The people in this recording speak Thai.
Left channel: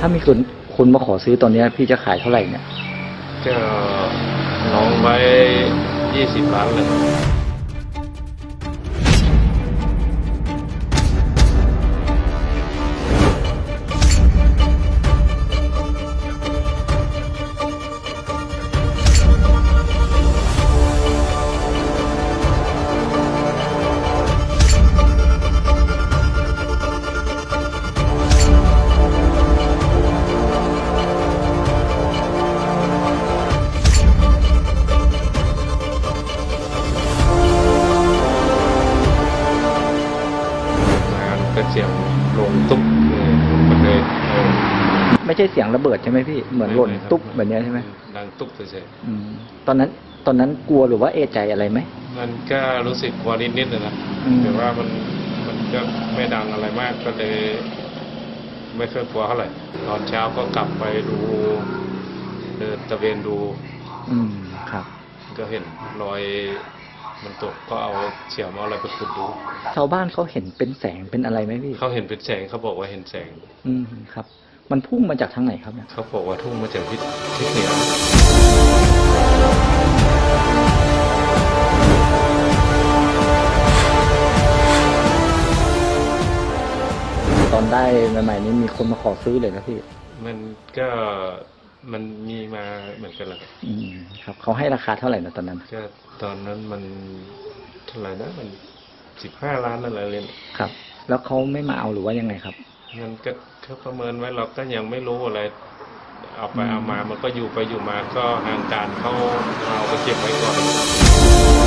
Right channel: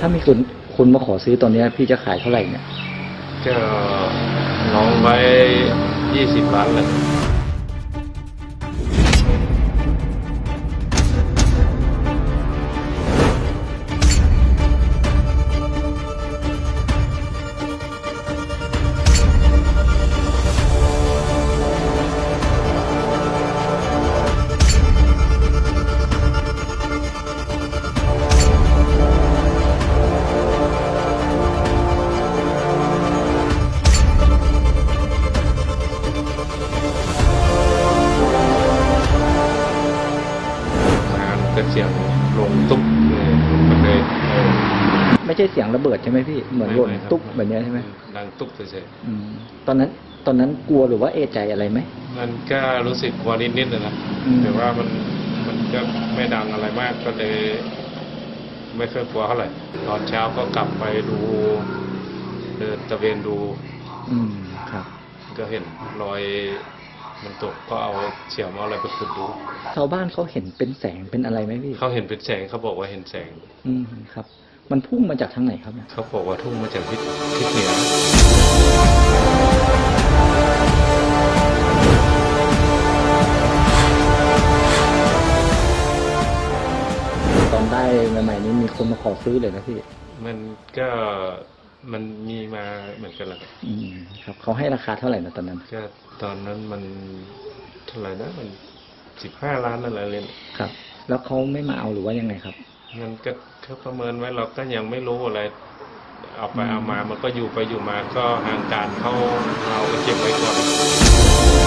ถ้ามีคนคนมาขอซื้อตอนนี้พี่จะขายเท่าไหร่เนี่ยก็น้องไว้ยี่สิบล้านเลย มาก็เสียงลงตุ๊บเลยมันเลยเออไม่ใช่เสียงระเบิดใช่ไหมพี่เหมือนหล่นไครับตุ๊บแบบเนี้ยใช่ไหมดังตุ๊บเฉยอืมตอนนั้นตอนนั้นกลัวหรือว่าเอะใจอะไรไหมๆมันก็รู้สึกกลัวนิดๆเลยนะอืมแต่ว่ามันมันก็ไม่ดังอะไรมากก็เลยไม่ค่อยกลัวเท่าไหร่ตอนเช้าก็กลับไปดูเดินตะเวนดู อืมครับ ก็เห็นรอย มันตกก็เอาเฉียมเอาอะไรไปขุดดูชาวบ้านเขาเห็นเป็นแสงเป็นอะไรไหมพี่เขาเห็นเป็นแสงเขาบอกว่าเห็นแสง อืมครับ มันพุ่งมาจากทางไหนครับเนี่ยเขาบอกว่าทุ่งมาจากทิศทิศเหนือตอนได้ใหม่ๆนี้มีคนมาขอซื้อเลยนะพี่ มันก็ มันมีมาเหมือนกันแหละครับอืมครับเขาให้ราคาเท่าไหร่นะตอนนั้น ก็ตอนนั้นมันเท่าไหร่นะมันสิบห้าล้านอะไรเลยครับ แล้วเขาไม่มาเอาหรือว่ายังไงครับมันก็เขาประเมินไว้เราก็ยังไม่รู้อะไร เอาไปอืมเอามามันก็อยู่ไปอยู่มาก็ทางการเขาเอาไปเก็บไว้ก่อน